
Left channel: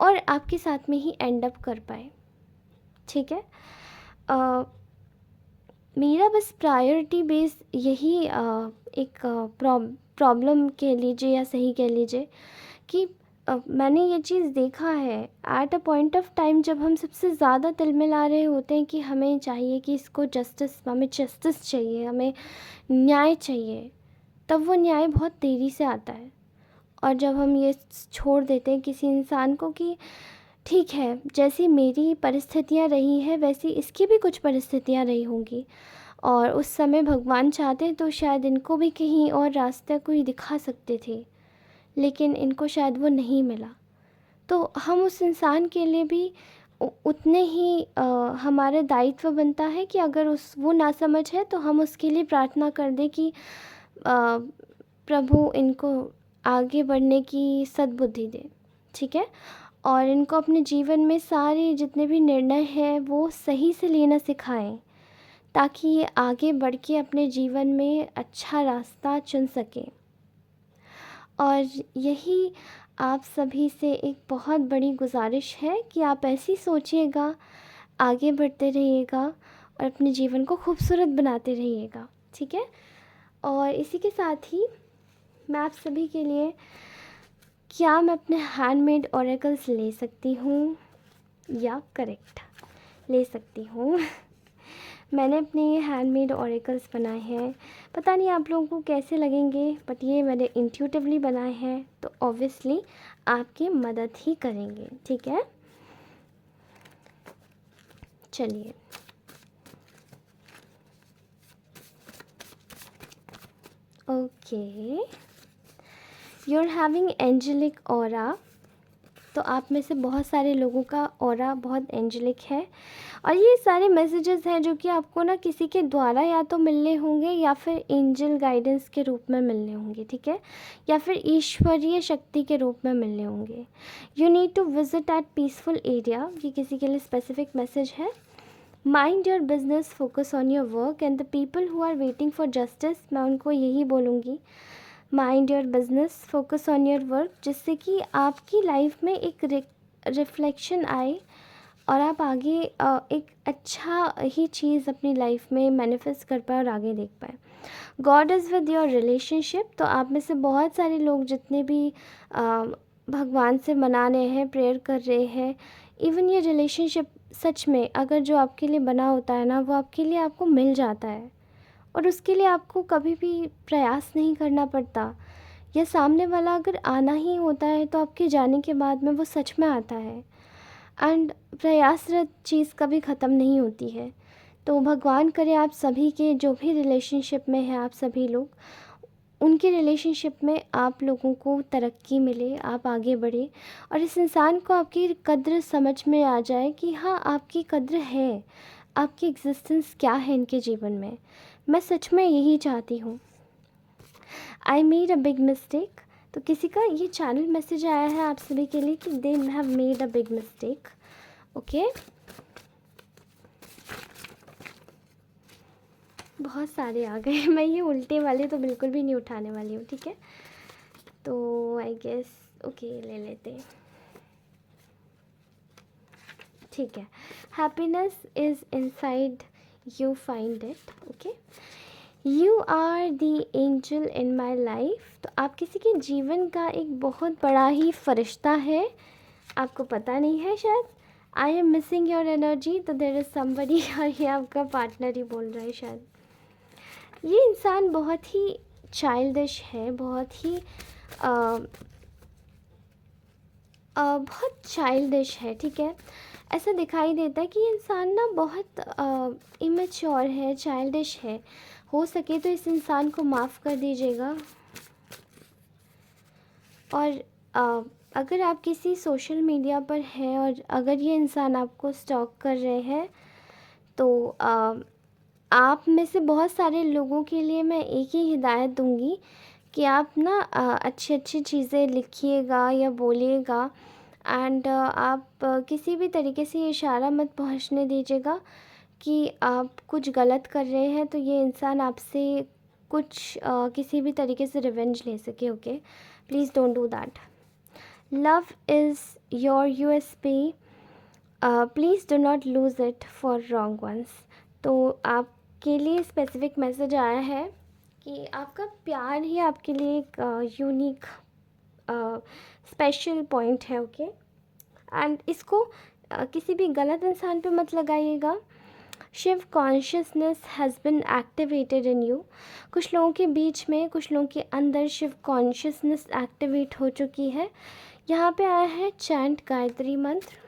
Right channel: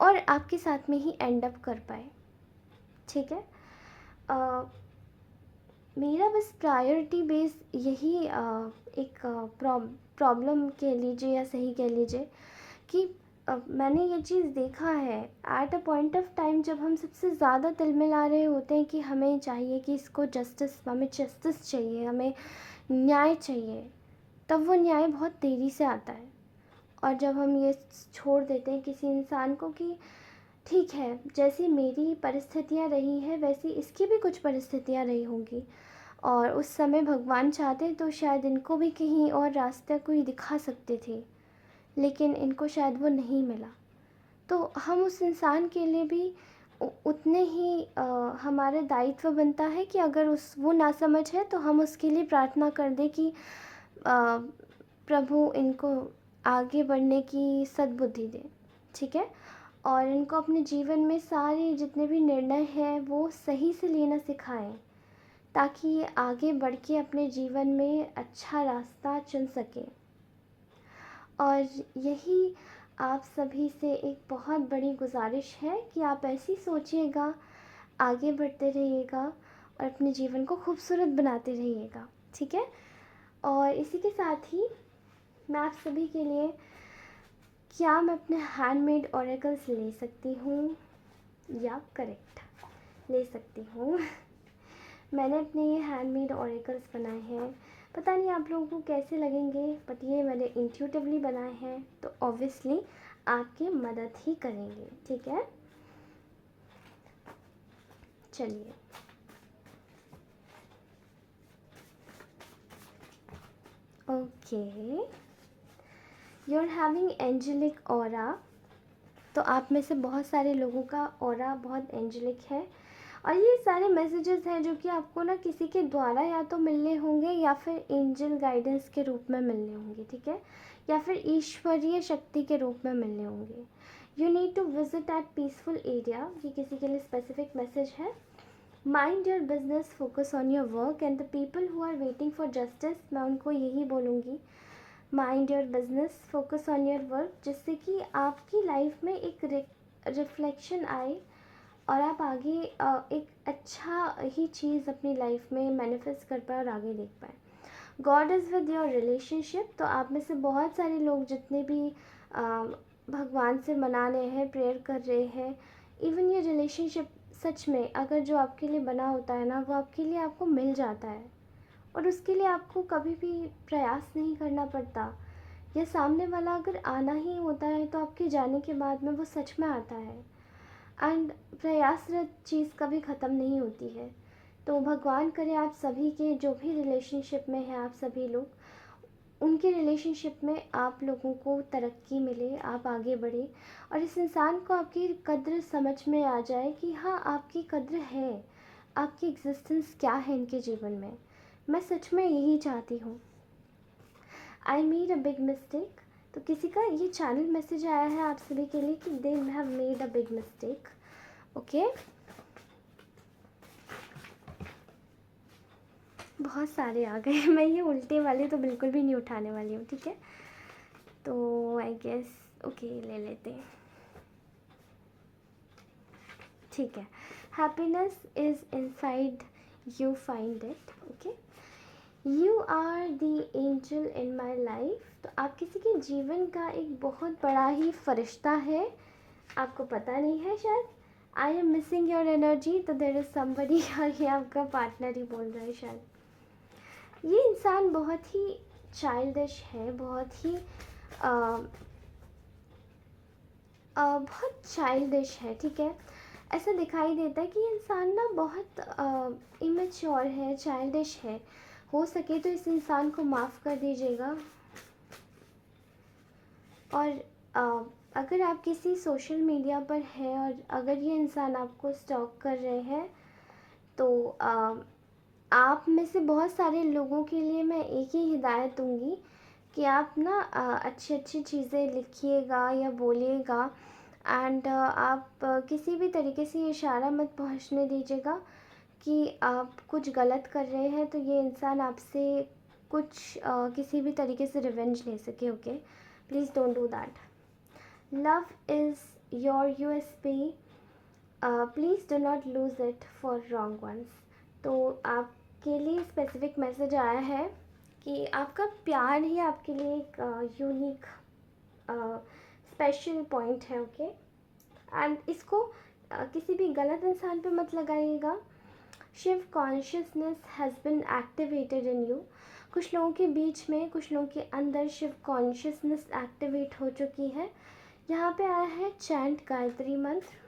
और आपके साथ में ही एंड अप कर पाए। ठीक है, मेरा बस प्रायोरिटी बेस यही एक प्रॉब्लम कह लीजिए या सही कह लीजिए कि मैंने ये चीज़ देखा है at a point of time, जब हम सबसे ज़्यादा तिलमिला रहे होते हैं कि हमें चाहिए कि हमें जस्टिस चाहिए, हमें न्याय चाहिए, तब वो न्याय बहुत देरी से आता है। और जब हम ये छोड़ देते हैं किसी इंसान को कि ठीक है, जैसी मेरी परिस्थितियाँ रही हैं वैसी इसकी भी कुछ परिस्थितियाँ रही होंगी, और उस समय भगवान चाहते तो शायद इनको भी कहीं और रास्ता कोई दिखा सकते थे, लेकिन इनको शायद वो नहीं मिला। तो हम उस इंसान के लिए भी उतने ही हमारा दायित्व बनता है कि अगर वो ना समझ है तो हम उसके लिए प्रार्थना कर दें कि प्रभु इनको आगे बढ़ने की सद्बुद्धि दे। ठीक है, और इनको अपने जीवन में सारे जितने भी निर्णय हैं वो सही से लेना सिखाएं, ताकि ये आगे बढ़ के अपने जीवन में अच्छा रास्ता चुन सकें। और यही आप सभी से एक बहुत बड़ी गुजारिश है कि आप ऐसी सोचिएगा, आगे बढ़ते रहिएगा और अपने जीवन को खूबसूरत बनाते रहिएगा। ठीक है, और इसी के साथ ही मैं आप सभी के लिए, क्या मैं अपने हैंडमेड ऑरेकल्स ले सकती हूँ? या करेक्ट, ले सकती हूँ। मैंने अपने ये हैंडमेड ऑरेकल्स बनाए हैं, पता नहीं आप लोगों को कैसे लगेंगे, बट ये मैंने इंट्यूटिवली बनाए हैं, तो ऑब्वियसली आपकी मदद ही करेंगे। ठीक है, चलिए। Okay, you are having angelic aura. तो आप में से बहुत सारे लोगों का ऑरा बहुत एंजेलिक है, और ये सारे मैसेजेस हैं जो कि आपको ना किसी के द्वारा या तो मिलने होंगे या फिर एंजल गाइडेंस के रूप में मिलने होंगे। ठीक है, या फिर ईश्वरीय शक्ति के रूप में मिलने होंगे। You need to visit at peaceful area, ये किसी के लिए स्पेसिफिक मैसेज है। Mind your business, focus on your work, and the people who are waiting for justice, मैं उनको यही बोलूँगी, mind your business, focus on your work, जिससे कि आपकी लाइफ में एक रिफ्लेक्शन आए और आप आगे एक अच्छा ही चीज़ अपनी लाइफ में मैनिफेस्ट कर पाए और आगे देख पाए। God is with your relationship, तो आप में से बहुत सारे लोग जितने भी भगवान से मना रहे हैं, प्रेयर कर रहे हैं, इवन ये रिलेशनशिप सच में अगर जो आपके लिए बना होता है ना, वो आपके लिए आपको मिल जाता है और उसके लिए आपको कभी भी प्रयास नहीं करना पड़ता, या सामने वाला अगर आना ही होता है तो आपके जाने के बाद में वो सच में आता है। एंड प्रयासरत चीज़ कभी ख़त्म नहीं होती है। तो भगवान करे आप सभी के जो भी रिलेशनशिप में हैं, आप सभी लोग, उनके रिलेशनशिप में आप लोगों को तरक्की मिले, आप आगे बढ़े और इस इंसान को आपकी कद्र समझ में आ जाए कि हाँ, आपकी कद्र है, आपकी एग्जिस्टेंस क्या है इनके जीवन में। मैं सच में यही चाहती हूँ। I made a big mistake, तो किसी का ये चैनल मैसेज आया है आप सभी के लिए कि they have made a big mistake. Okay, बहुत सारे आ गए। मैं ये उल्टे वाले तो बिल्कुल भी नहीं उठाने वाली हूँ, ठीक है। तो आई गेस ओके ले लेते हैं, ठीक है। Happiness is inside you, find it. Okay, you are the angel in my life, तो आप किसी के जीवन का एक बहुत बड़ा ही फरिश्ता है, आपको पता नहीं है शायद। I am missing your energy, तो देर इज़ समबडी, और ये आपका पार्टनर ही बोल रहा है शायद। ये इंसान बहुत ही चाइल्डिश है, बहुत चाइल्डिश है, ठीक है। ऐसा दिखाई देता है कि ये इंसान ना बहुत इमेच्योर है, चाइल्डिश है। हो सके तो इस इंसान को माफ़ कर दीजिएगा। और अगर आप किसी सोशल मीडिया पर हैं और अगर ये इंसान आपको स्टॉक कर रहे हैं, तो आप में से बहुत सारे लोगों के लिए मैं एक ही हिदायत दूंगी कि आप ना अच्छी अच्छी चीज़ें लिखिएगा या बोलिएगा, एंड आप किसी भी तरीके से ये इशारा मत पहुंचने दीजिएगा कि आप कुछ गलत कर रहे हैं तो ये इंसान आपसे कुछ किसी भी तरीके से रिवेंज ले सके। Okay, please don't do that. Love is your USP, please do not lose it for wrong ones. तो आपके लिए स्पेसिफिक मैसेज आया है कि आपका प्यार ही आपके लिए एक यूनिक स्पेशल पॉइंट है। ओके, एंड इसको किसी भी गलत इंसान पे मत लगाइएगा। Shiv consciousness has been activated in you, कुछ लोगों के बीच में, कुछ लोगों के अंदर शिव कॉन्शियसनेस एक्टिवेट हो चुकी है। यहाँ पे आया है chant Gayatri Mantra.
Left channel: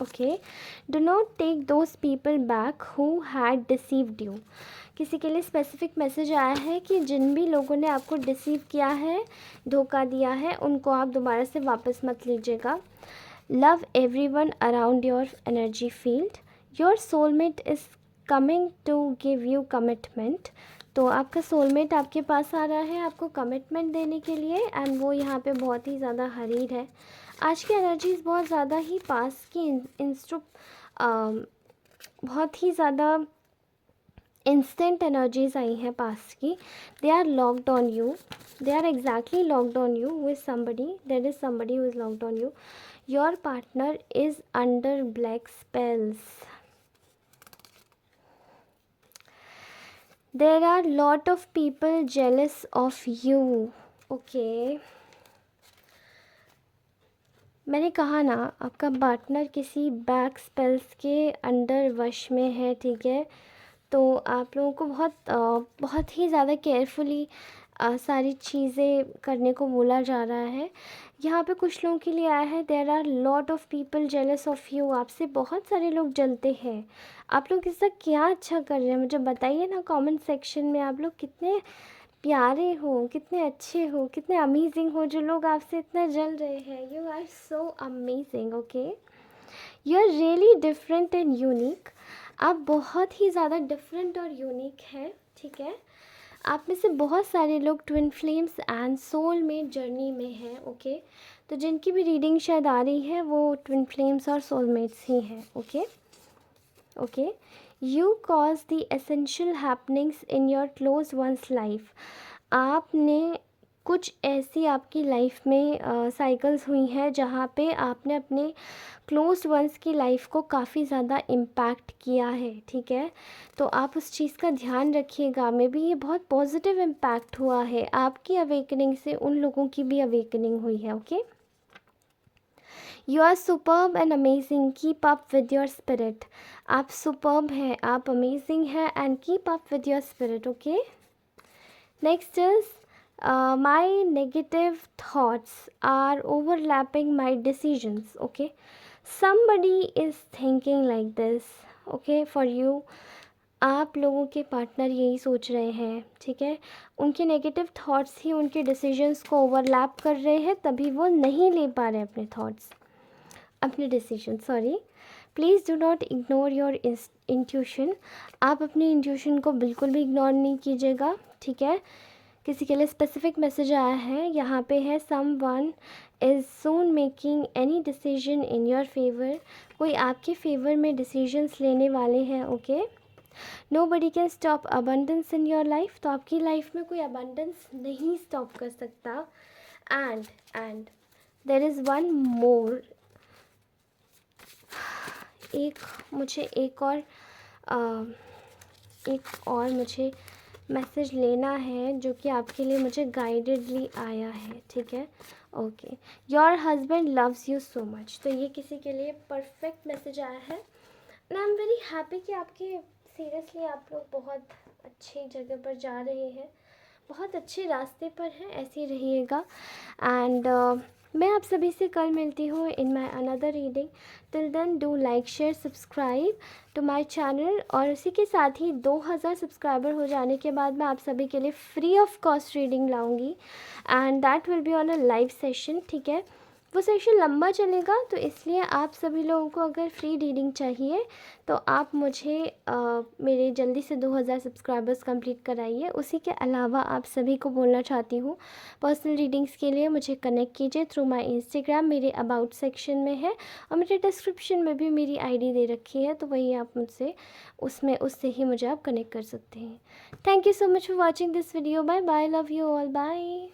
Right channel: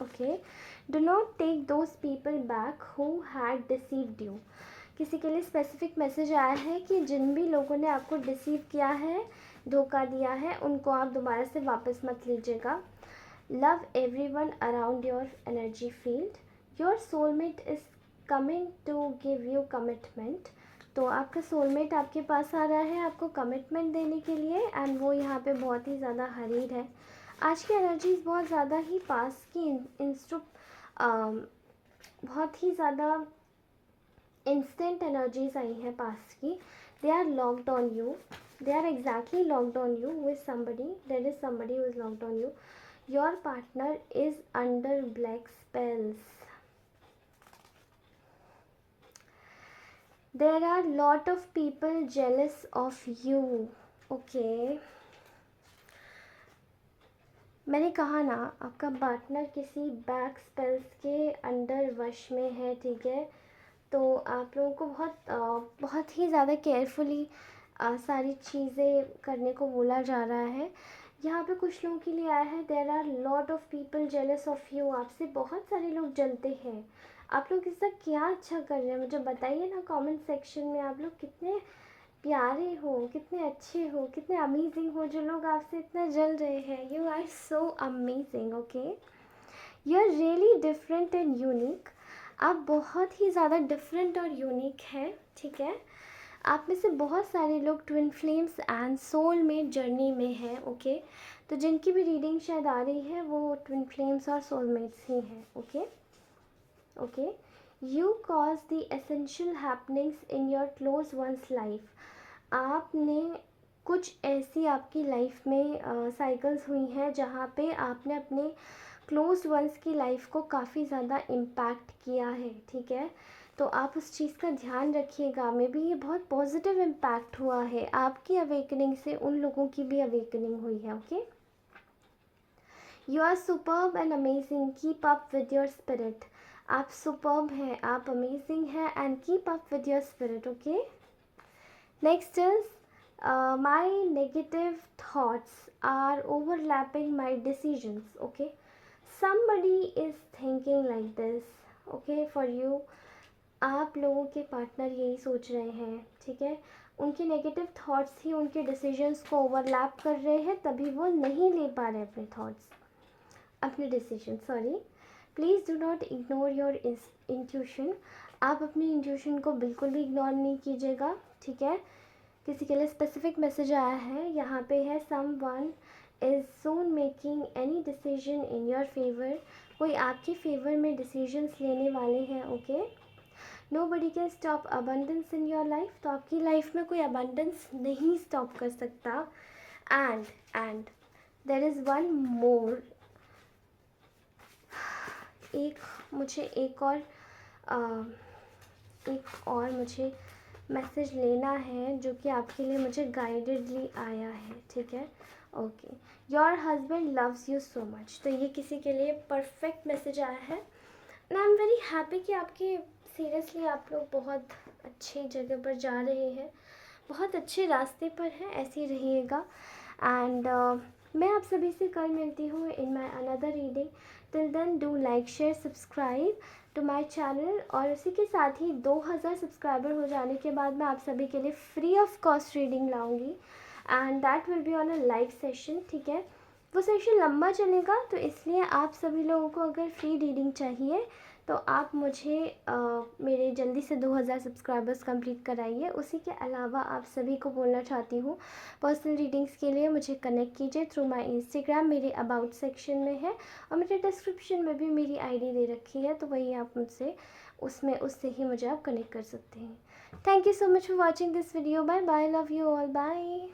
Okay, do not take those people back who had deceived you, किसी के लिए स्पेसिफिक मैसेज आया है कि जिन भी लोगों ने आपको डिसीव किया है, धोखा दिया है, उनको आप दोबारा से वापस मत लीजिएगा। Love everyone around your energy field, your soulmate is coming to give you commitment, तो आपका सोलमेट आपके पास आ रहा है आपको कमिटमेंट देने के लिए, एंड वो यहाँ पे बहुत ही ज़्यादा हरीर है। आज की एनर्जीज बहुत ज़्यादा ही पास की बहुत ही ज़्यादा इंस्टेंट एनर्जीज आई हैं पास की। They are locked on you, they are exactly locked on you with somebody, there is somebody who is locked on you. Your partner is under black spells, there are lot of people jealous of you. Okay, मैंने कहा ना आपका partner किसी back spells के under वश में है, ठीक है। तो आप लोगों को बहुत ही ज़्यादा केयरफुली सारी चीज़ें करने को बोला जा रहा है। यहाँ पे कुछ लोगों के लिए आया है there are lot of people jealous of you, आपसे बहुत सारे लोग जलते हैं। आप लोग इसका क्या अच्छा कर रहे हैं मुझे बताइए ना कमेंट सेक्शन में। आप लोग कितने प्यारे हो, कितने अच्छे हो, कितने अमेजिंग हो, जो लोग आपसे इतना जल रहे हैं। You are so amazing. Okay, you are really different and unique, आप बहुत ही ज़्यादा डिफरेंट और यूनिक हैं, ठीक है। आप में से बहुत सारे लोग twin flames and soulmate journey में हैं, ओके। तो जिनकी भी रीडिंग शायद आ रही है वो ट्विन फ्लेम्स और सोलमेट्स ही हैं, okay. Okay, you cause the essential happenings in your close one's life. आपने कुछ ऐसी आपकी लाइफ में साइकिल्स हुई हैं जहाँ पे आपने अपने क्लोज वंस की लाइफ को काफ़ी ज़्यादा इम्पैक्ट किया है, ठीक है। तो आप उस चीज़ का ध्यान रखिएगा। मे बी ये बहुत पॉजिटिव इम्पैक्ट हुआ है, आपकी अवेकनिंग से उन लोगों की भी अवेकनिंग हुई है, okay. You are superb and amazing, keep up with your spirit. आप सुपर्ब हैं, आप अमेजिंग हैं, and keep up with your spirit, okay. Next is my negative thoughts are overlapping my decisions, okay. somebody is thinking like this, okay, for you। आप लोगों के partner यही सोच रहे हैं, ठीक है। उनके नेगेटिव थॉट्स ही उनके डिसीजंस को ओवरलैप कर रहे हैं, तभी वो नहीं ले पा रहे अपने थॉट्स, अपने decision, sorry. Please do not ignore your intuition. आप अपनी इंट्यूशन को बिल्कुल भी इग्नोर नहीं कीजिएगा, ठीक है। किसी के लिए स्पेसिफिक मैसेज आया है, यहाँ पे है someone is soon making any decision in your favour. कोई आपके फेवर में डिसीजंस लेने वाले हैं, okay. Nobody can stop abundance in your life. तो आपकी लाइफ में कोई अबंडेंस नहीं स्टॉप कर सकता। And there is one more, एक और मुझे मैसेज लेना है जो कि आपके लिए मुझे गाइडेडली आया है, ठीक है, okay. Your husband loves you so much. तो ये किसी के लिए परफेक्ट मैसेज आया है, and I am very happy कि आपकी सीरियसली आप लोग बहुत अच्छी जगह पर जा रहे हैं, बहुत अच्छे रास्ते पर हैं, ऐसे ही रहिएगा। एंड मैं आप सभी से कल मिलती हूँ in my another reading. Till then do like share subscribe to my channel. और उसी के साथ ही 2000 सब्सक्राइबर हो जाने के बाद मैं आप सभी के लिए फ्री ऑफ कॉस्ट रीडिंग लाऊंगी, and that will be on a live session, ठीक है। वो सेशन लंबा चलेगा, तो इसलिए आप सभी लोगों को अगर फ्री रीडिंग चाहिए तो आप मुझे मेरे जल्दी से 2000 सब्सक्राइबर्स कंप्लीट कराइए। उसी के अलावा आप सभी को बोलना चाहती हूँ, पर्सनल रीडिंग्स के लिए मुझे कनेक्ट कीजिए थ्रू माय इंस्टाग्राम, मेरे अबाउट सेक्शन में है, और मेरे डिस्क्रिप्शन में भी मेरी आईडी दे रखी है, तो वही आप मुझसे उससे ही मुझे आप कनेक्ट कर सकते हैं। Thank you so much for watching this video. Bye bye, love you all, bye.